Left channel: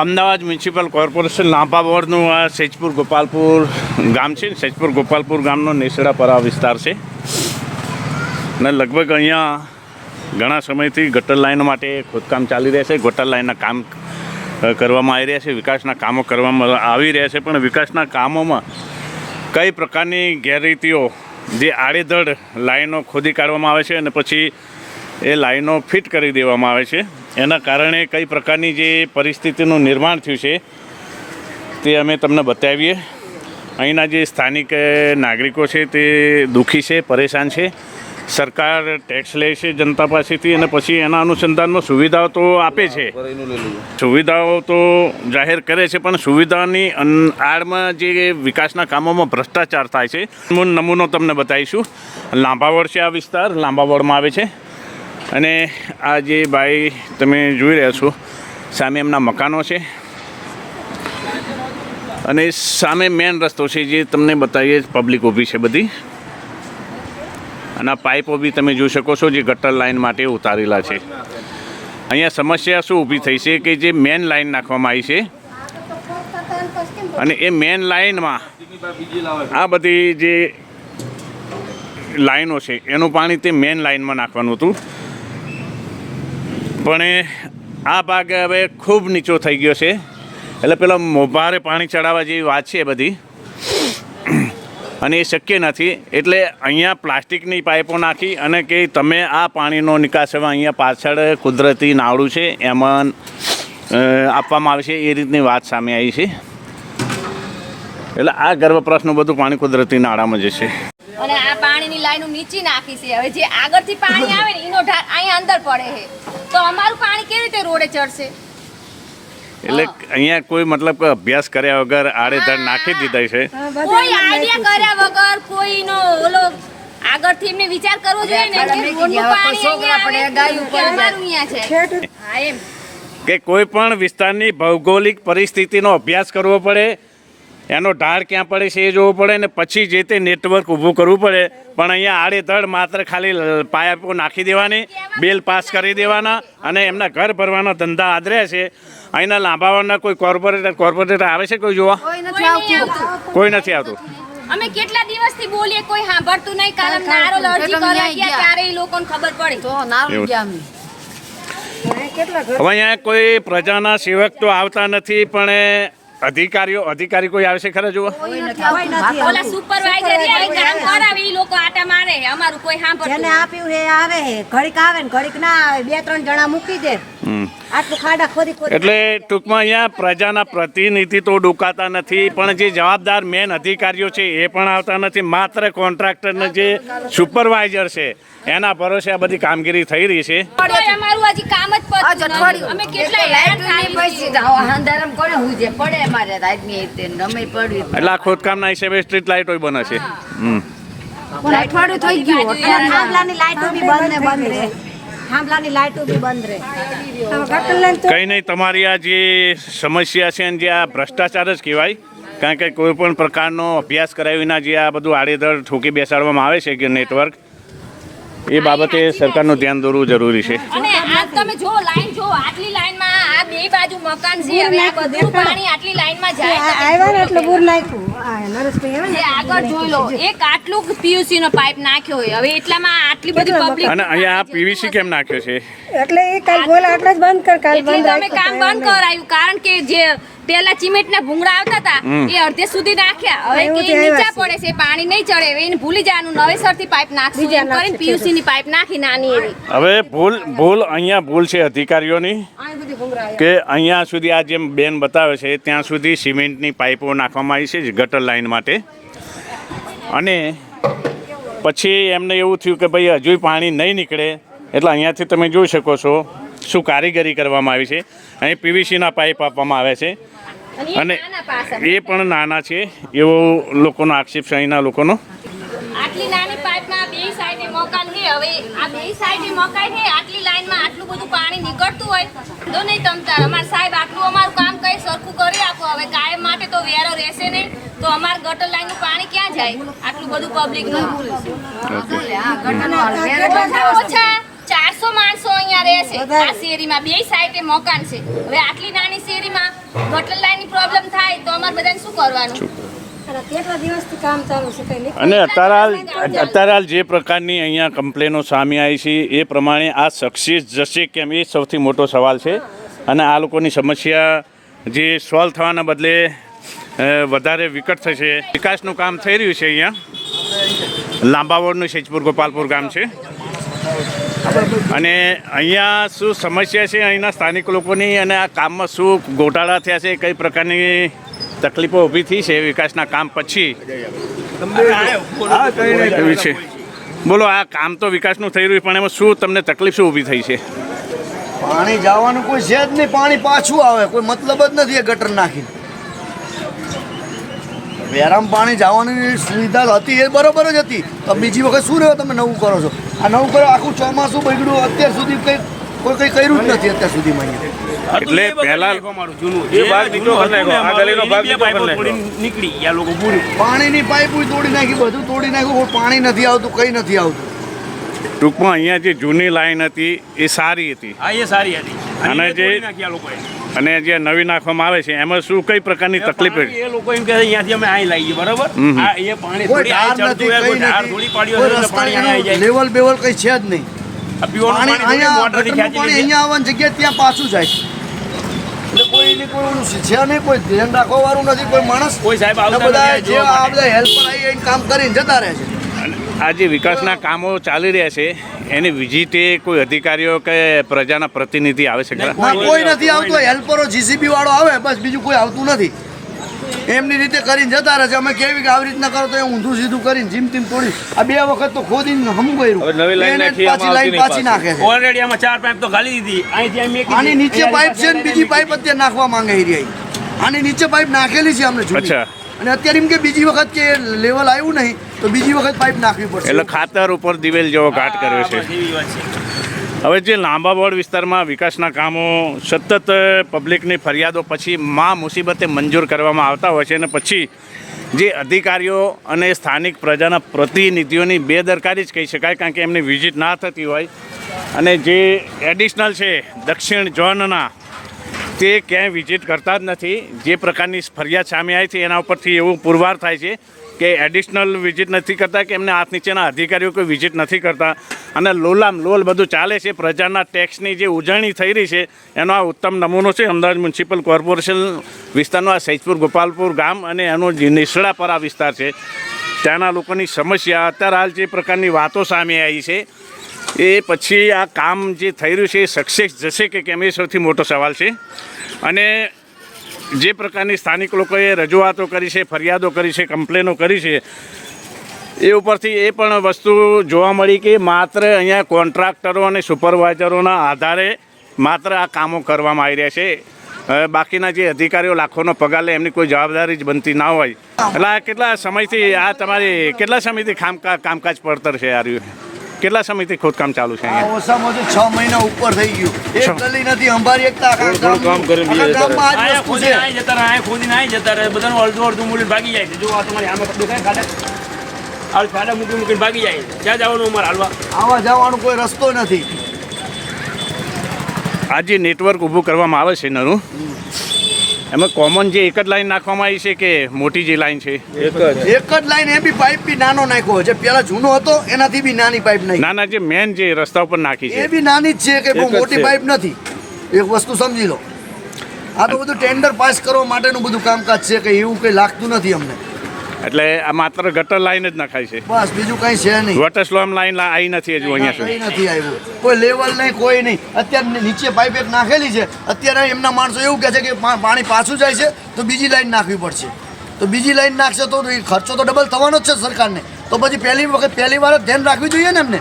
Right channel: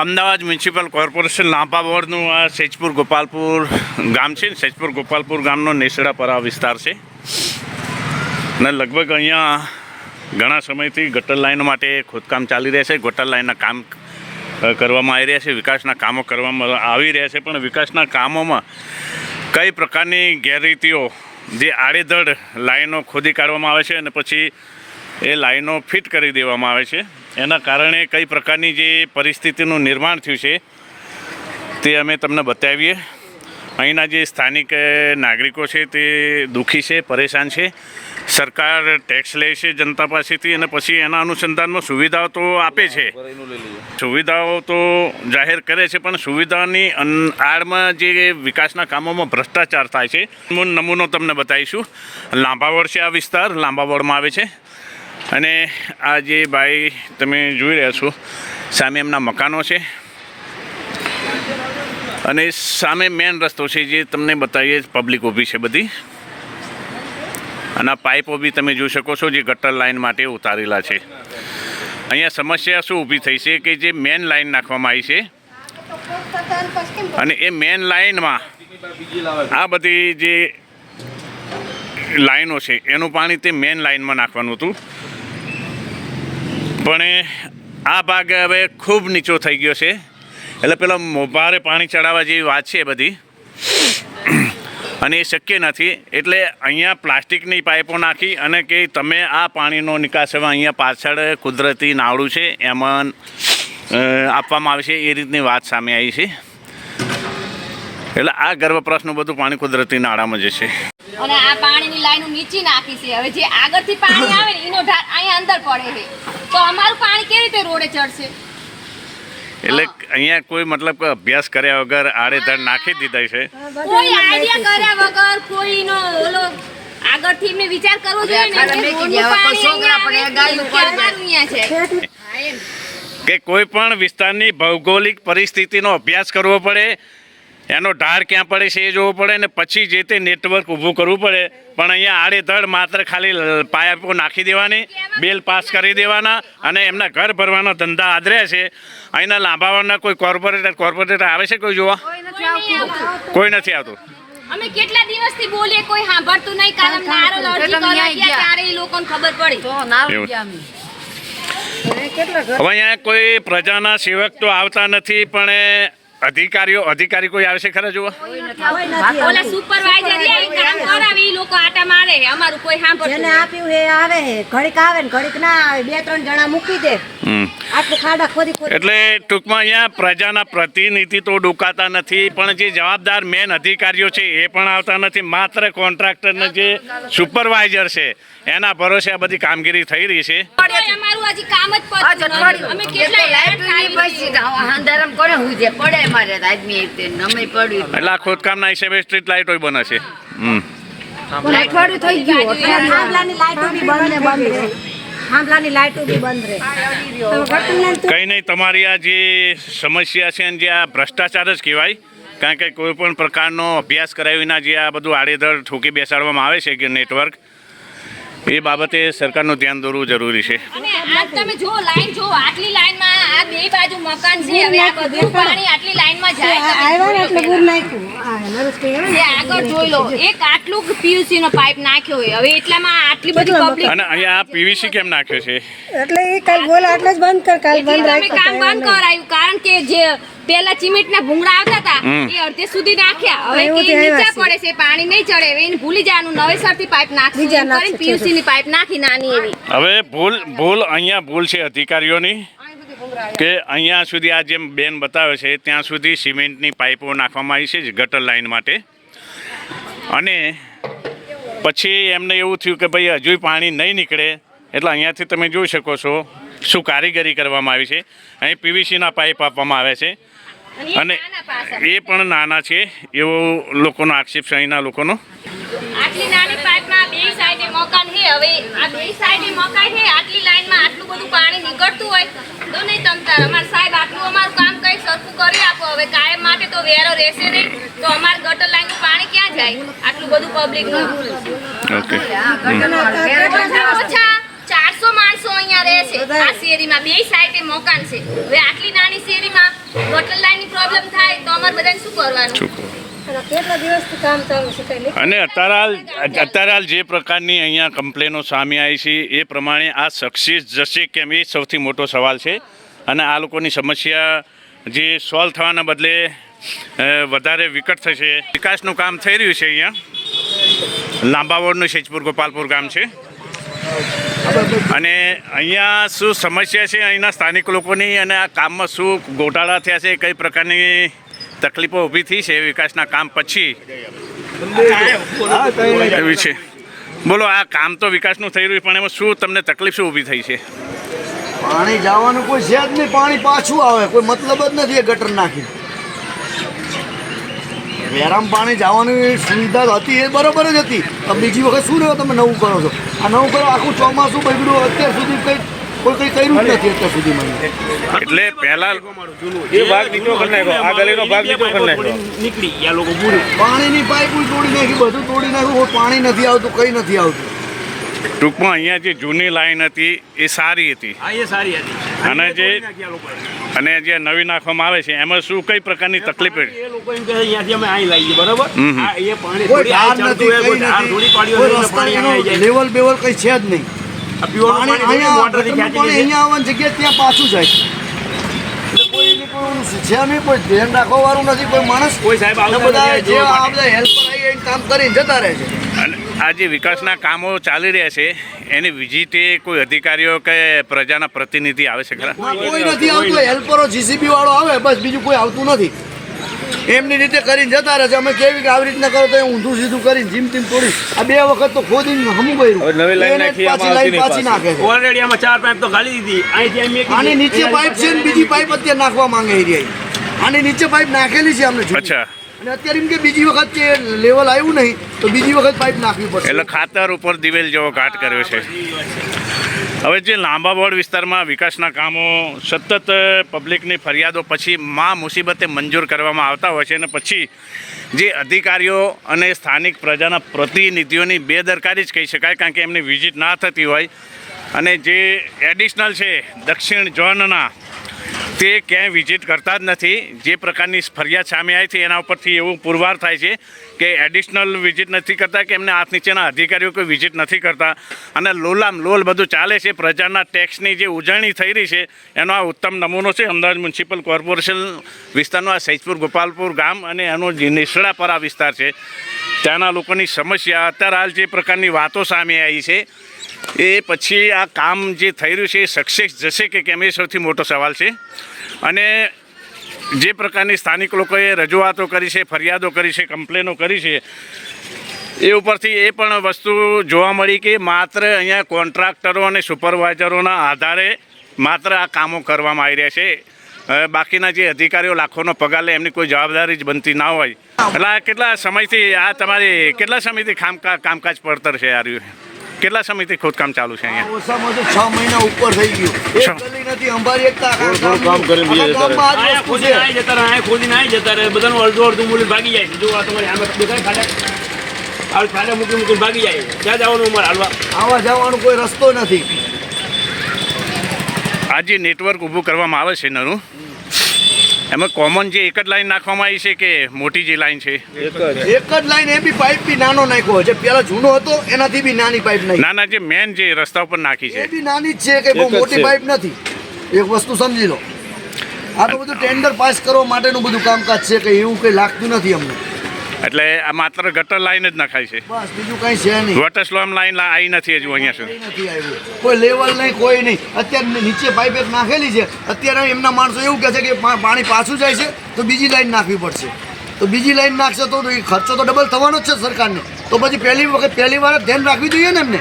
Ahmedabad municipal corporation લાંબા બોર્ડનું આ સેજપુર ગોપાલપુર ગામ છે ને, સેજપુર ગોપાલપુર ગામનો નેસડાપરા વિસ્તાર છે. અને લગભગ અહીંયા ઘણા સમયથી ગટર લાઇન માટે ખોદકામ ચાલી રહ્યા છે. ગટર લાઇનના કામ કરવામાં આવી રહ્યા છે, વિકાસના કામો કરવામાં આવી રહ્યા છે, પણ વિકાસના કામોમાં કઈ પ્રકારની ગેરરીતિઓ, જે આડેધડ લાઈનો ખોદી કાઢવામાં આવે છે અને પછી એ લાઈનો ફિટ કરી દેવામાં આવે છે. એના કારણે કઈ પ્રકારની જે પરિસ્થિતિનું નિર્માણ થયું છે, તે અમે તમને બતાવીએ. અહીંના જે સ્થાનિક નાગરિકો છે તે દુઃખી છે, પરેશાન છે. સરકાર ટેક્સ લે છે જનતા પાસેથી અને પછી એના અનુસંધાનમાં સુવિધાઓ તો આપે છે. સુવિધાઓ તો જાહેર કરે છે, પણ સુવિધાની આડમાં જે વિકાસના કામોમાં ભ્રષ્ટાચાર થાય છે. નમૂનો તમને બતાવીશું. લાંબાવડ છે આ વિસ્તાર લાંબાવડમાં આવે છે. અને આ જે ભાઈ તમે જોઈ રહ્યા છો, સામે એમના મકાનો છે. અને સામે મેન રસ્તો છે જે તમને બતાવીએ પબ્લિક ઊભી છે બધી. અને આ પાઇપો બી તમે જોઈ શકો છો જે ગટર લાઇન માટે ઉતારેલા છે. અહીંયા સમસ્યા શું ઊભી થઈ છે કે જે મેન લાઇન નાખવામાં આવી છે. અને એ મેન લાઈનમાં આ બધી જે લાઈનો છે, એનું પાણી તે મેન લાઈનમાં નાખવાનું હતું. પણ આ ભાગ હવે ખૂબ નીચો થઈ ગયો છે. એટલે પેલા મોભારે પાણી ચડાવવા જેવી વાત છે બધી. અને એ શક્ય નથી. એટલે અહીંયા પ્લાસ્ટિકની પાઇપો નાખી અને કે તમે આ પાણીનો નિકાસ હવે અહીંયા પાછળ કુદરતી નાળું છે, એમાં આપવામાં આવે છે, એ રીતની વાત સામે આવી છે. એટલે આ ગર્ભપ્રસનું બધું પાણી કુદરતી નાળામાં જશે. અને આ પાણીની લાઈનો નીચી નાખી છે. હવે જે આગળથી પાણી આવે ને, એનો ઢાળ અહીંયા અંદર પડે છે. તો અમારું પાણી કેવી રીતે રોડે ચડશે? એટલે અહીંયા કોઈ મતલબ કે અભ્યાસ કર્યા વગર આડેધડ નાખી દીધા છે? કોઈ આઈડિયા કર્યા વગર કોઈનો ઓલો આગળથી એમને વિચાર કરવો જોઈએ ને કે પાણી કે અમારું અહીંયા છે. કે કોઈ પણ વિસ્તારની ભૌગોલિક પરિસ્થિતિનો અભ્યાસ કરવો પડે એનો ઢાર ક્યાં પડે છે એ જોવું પડે ને પછી જે તે નેટવર્ક ઊભું કરવું પડે. પણ અહીંયા આડેધડ માત્ર ખાલી પાયા નાખી દેવાની બિલ પાસ કરી દેવાના અને એમના ઘર ભરવાના ધંધા આદર્યા છે. અહીંના લાંબાવાના કોઈ કોર્પોરેટર કોર્પોરેટર આવે છે કોઈ જોવા? કોઈ નહીં આવતું. કોઈ નથી આવતું. અમે કેટલા દિવસથી બોલીએ કોઈ સાંભળતું નહીં કારણ નારો અરજી કરો ત્યારે એ લોકોને ખબર પડી. એવું. હવે અહીંયા કોઈ પ્રજાના સેવક તો આવતા નથી પણ એ અધિકારીઓ અધિકારી કોઈ આવે છે ખરા જુઓ ઓલા સુપરવાઇઝર આવી કામ કરાવે લોકો આટા મારે. અમારું કોઈ જેને આપ્યું એ આવે છે ઘડીક આવે ને ઘડીક ના આવે બે ત્રણ જણા મૂકી દે. આટલું ખાડા ખોદી ખોદી એટલે ટૂંકમાં અહીંયા પ્રજાના પ્રતિનિધિ તો ડુકાતા નથી પણ જે જવાબદાર મેન અધિકારીઓ છે એ પણ આવતા નથી. માત્ર કોન્ટ્રાક્ટરને જે સુપરવાઇઝર છે એના ભરોસે આ બધી કામગીરી થઈ રહી છે. અમારું હજી કામ જ પતતું અમે કેટલા છીએ. એટલે આ ખોદકામના હિસાબે સ્ટ્રીટ લાઇટો બને છે. હમ. અઠવાડિયું થઈ ગયું થાંભલાની લાઈટો બી બંધ બંધ રહે. થાંભલાની લાઈટો બી બંધ રહે. હવે ગટર લાઈન તો કંઈ નહીં તમારી આ જે સમસ્યા છે ને જે આ ભ્રષ્ટાચાર જ કહેવાય. કારણ કે કોઈ પણ પ્રકારનો અભ્યાસ કરાવીના વિના જે આ બધું આડેધડ ઠોકી બેસાડવામાં આવે છે કે નેટવર્ક એ બાબતે સરકારનું ધ્યાન દોરવું જરૂરી છે. અને આ તમે જો લાઈન જો આટલી લાઈનમાં આ બે બાજુ મકાન છે હવે આ બધું પાણી આટલી લાઈનમાં જાય આવ્યા ને એટલે જોઈ લો. નાખ્યું. આગળ જોઈ એક આટલું પીયુસી નો પાઇપ નાખ્યો હોય. હવે એટલામાં આટલી બધી પબ્લિક અને અહીંયા આ પીવીસી કેમ નાખ્યો છે? એટલે એ કાલ બોલા એટલે જ બંધ કર કાલ બંધ તમે કામ બંધ કરાયું. કારણ કે જે પેલા ચીમેટ ના ભૂંગળા આવતા હતા એ અડધે સુધી નાખ્યા. હવે કે નીચે પડે છે પાણી નહીં ચડે. હવે એને ભૂલી જવાનું નવેસરથી પાઇપ નાખશું એમ કરીને પીયુસી ની પાઇપ નાખી નાની એવી. હવે ભૂલ ભૂલ અહીંયા ભૂલ છે અધિકારીઓની કે અહીંયા સુધી આ જેમ બેન બતાવે છે ત્યાં સુધી સિમેન્ટની પાઇપો નાખવામાં આવી છે ગટર લાઇન માટે. અને પછી એમને એવું થયું કે ભાઈ હજુ પાણી નહીં નીકળે એટલે અહીંયાથી તમે જોઈ શકો છો શું કારીગરી કરવામાં આવી છે. અહીં પીવીસીના પાઇપ આપવામાં આવે છે. અને એ પણ નાના છે એવો લોકોનો આક્ષેપ લોકોનો. આટલી નાની પાઇપમાં બે સાઈડે મકાન છે હવે આ બે સાઈડે મકાન છે આટલી લાઈનમાં આટલું બધું પાણી નીકળતું હોય તો નહીં તમતાર અમાર સાહેબ આટલું અમારું કામ કઈ સરખું કરી આપો. હવે કાયમ માટે તો વેરો રહેશે નહીં તો અમાર ગટર લાઈનનું પાણી ક્યાં જાય? આટલું બધું પબ્લિકનું. ઓકે. ચારસો માણસો અહીંયા રહે છે. આ શેરીમાં બે સાઈડે મકાન છે. હવે આટલી નાની શેરીમાં વોટર લાઈનની પ્રોબ્લેમ થાય તો અમારે બધાને શું કરવાનું? શું કહો? કેટલા દિવસથી કામ ચાલુ છે કઈ અને અત્યારે હાલ અત્યારે હાલ જે પ્રકારની અહીંયા કમ્પ્લેનો સામે આવી છે એ પ્રમાણે આ સક્સેસ જશે કેમ એ સૌથી મોટો સવાલ છે. અને આ લોકોની સમસ્યા જે સોલ્વ થવાના બદલે વધારે વિકટ થશે. વિકાસનું કામ થઈ રહ્યું છે અહીંયા. લાંબાવડનું શેજપુર ગોપાલપુર ગામ છે. અને અહીંયા શું સમસ્યા છે? અહીંના સ્થાનિક લોકોની અને આ કામમાં શું ગોટાળા થયા છે? કઈ પ્રકારની તકલીફો ઊભી થઈ છે વિકાસના કામ પછી? એવી છે. બોલો આ કામ તો વિકાસનું થઈ રહ્યું પણ એમાં શું તમને તકલીફ શું ઊભી થઈ છે? પાણી જવાનું કોઈ છે જ નહીં પાણી પાછું આવે. કોઈ મતલબ જ નથી એ ગટર નાખી વેરામ પાણી જવાની સુવિધા હતી એ બરોબર જ હતી. બીજી વખત શું રહ્યો? તમે નવું કરો છો. આ ઉપર આખું ચોમાસું બગડ્યું અત્યાર સુધી કંઈ કોઈ કંઈ કર્યું જ નથી અત્યાર સુધીમાં એટલે પહેલા એ ભાગ નીકળો. આ ગલીનો ભાગ નીકળો નીકળી ગયા લોકો પૂરી પાણીની પાઇપ તોડી નાખી બધું તોડી નાખ્યું. પાણી નથી આવતું કંઈ નથી આવતું. ટૂંકમાં અહીંયા જે જૂની લાઈન હતી એ સારી હતી. હા એ સારી હતી. અને જે- નાખ્યા લોકોએ. અને જે નવી નાખવામાં આવે છે એમાં શું કઈ પ્રકારની તકલીફ એ લોકો એમ કહે છે, અહીંયાથી અમે અહીં લાવીએ બરાબર. આ એ પાણી કોઈ ધાર નથી કોઈ નથી. કોઈ રસ્તા એનું. લેવલ બેવલ કઈ છે જ નહીં. પાણી પાણી અહીંયા પાણી અહીંયા આવવાની જગ્યા ત્યાં પાછું જાય. કોઈ કોઈ ઓલું છે નહીં કોઈ ધ્યાન રાખવા વાળું નથી કોઈ માણસ. કોઈ સાહેબ બધા જે આ બધા હેલ્પર આવી આવીને કામ કરીને જતા રહે છે. અને આ જે વિકાસના કામો ચાલી રહ્યા છે એની વિઝિટે કોઈ અધિકારીઓ કે પ્રજાના પ્રતિનિધિ આવે છે ખરા? કોઈ નથી આવતું હેલ્પરો જીસીબી વાળો આવે બસ બીજું કોઈ આવતું નથી. એમની રીતે કરીને જતા રહે છે. અમે કેવી કે આવી રીતના કરો તો એ ઊંધું સીધું કરીને જીમ તીમ તોડી આ બે વખત તો ખોદીને હમ કર્યું. એને પાછી લાઈન પાછી નાખે છે. આમાં ચાર પાઇપ તો ગાલી દીધી. અહીંથી આની નીચે પાઇપ છે ને બીજી પાઇપ અત્યારે નાખવા માંગે એ રહી આની નીચે પાઇપ નાખેલી છે અમને. અચ્છા. અને અત્યારે એમ કે બીજી વખત કે લેવલ આવ્યું નહીં તો બીજી વખત પાઇપ નાખવી પડશે. એટલે ખાતર ઉપર દિવેલ જેવો ઘાટ કર્યો છે. હવે જે લાંબા બોર્ડ વિસ્તારમાં વિકાસના કામો, સતત પબ્લિકની ફરિયાદો, પછી માં મુસીબતે મંજૂર કરવામાં આવતા હોય છે અને પછી જે અધિકારીઓ અને સ્થાનિક પ્રજાના પ્રતિનિધિઓની બેદરકારી જ કહી શકાય, કારણ કે એમની વિઝિટ ના થતી હોય. અને જે એડિશનલ છે, દક્ષિણ ઝોનના, તે ક્યાંય વિઝિટ કરતા જ નથી. જે પ્રકારની ફરિયાદ સામે આવી છે, એના ઉપરથી એવું પુરવાર થાય છે. કે એડિશનલ વિઝિટ નથી કરતા, કે એમને હાથ નીચેના અધિકારીઓ કોઈ વિઝિટ નથી કરતા. અને લોલામ લોલ બધું ચાલે છે, પ્રજાના ટેક્સની જે ઉજવણી થઈ રહી છે, એનો આ ઉત્તમ નમૂનો છે અમદાવાદ મ્યુનિસિપલ કોર્પોરેશન વિસ્તારનો, આ સૈજપુર ગોપાલપુર ગામ અને એનો જે આ વિસ્તાર છે. ત્યાંના લોકોની સમસ્યા, અત્યારે હાલ જે પ્રકારની વાતો સામે આવી છે, એ પછી આ કામ જે થઈ રહ્યું છે, એ સક્સેસ જશે કે કેમ, એ સૌથી મોટો સવાલ છે. અને જે પ્રકારની સ્થાનિક લોકોએ રજૂઆતો કરી છે, ફરિયાદો કરી છે, કમ્પ્લેનો કરી છે, એ ઉપરથી એ પણ વસ્તુ જોવા મળી કે માત્ર અહીંયા કોન્ટ્રાક્ટરો અને સુપરવાઇઝરોના આધારે માત્ર આ કામો કરવામાં આવી રહ્યા છે. બાકીના જે અધિકારીઓ લાખોનો પગાર લે, એમની કોઈ જવાબદારી જ બનતી ના હોય. એટલે કેટલા સમયથી, આ તમારી, કેટલા સમયથી કામકા, કામકાજ પડતર છે આ રહ્યું? કેટલા સમયથી ખોદકામ ચાલુ છે અહીંયા? ઓછામાં ઓછું છ મહિના ઉપર થઈ ગયું. એક. ગલી નથી અંબારી એક કામ કરે ગામમાં આ જ વસ્તુ ખોદીને છે જતા રહે, અહીં ખોદીને અહીં જતા રહે. બધાનું અડધું અડધું મૂલ્ય ભાગી જાય છે. જો આ તમારી આમાં દેખાય ખાડા આ ખાડા મૂકી મૂકીને ભાગી જાય છે. ક્યાં જવાનું અમારે હાલવા? આવા જવાનો કોઈ રસ્તો નથી. આ જે નેટવર્ક ઊભું કરવામાં આવે છે નરું. એમાં કોમન જે એક જ લાઈન નાખવામાં આવી છે કે મોટી જે લાઈન છે? એક જ. લાઈન એ બી પાઇપ બી નાનો નાખ્યો છે પેલા જૂનો હતો એનાથી બી નાની પાઇપ નાખી. ના ના જે મેન જે રસ્તા ઉપર નાખી એ બી નાની જ છે કે બહુ મોટી પાઇપ નથી. એક વસ્તુ સમજી લો. આ તો બધું ટેન્ડર પાસ કરવા માટેનું બધું કામકાજ છે કે એવું કંઈ લાગતું નથી અમને. એટલે આ માત્ર ગટર લાઈન જ નખાય છે. બસ બીજું કંઈ છે નહીં. વોટર સ્લોમ લાઈન આવી નથી હજુ અહીંયા સુધી. નથી આવ્યું. કોઈ લેવલ નહીં કોઈ નહીં. અત્યારે નીચે પાઇપ એક નાખેલી છે. અત્યારે એમના માણસો એવું કહે છે કે પાણી પાછું જાય છે તો બીજી લાઈન નાખવી પડશે. તો બીજી લાઈન નાખશે તો ખર્ચો તો ડબલ થવાનો જ છે સરકારને. તો પછી પહેલી વખત પહેલી વાર જ ધ્યાન રાખવી જોઈએ ને એમને.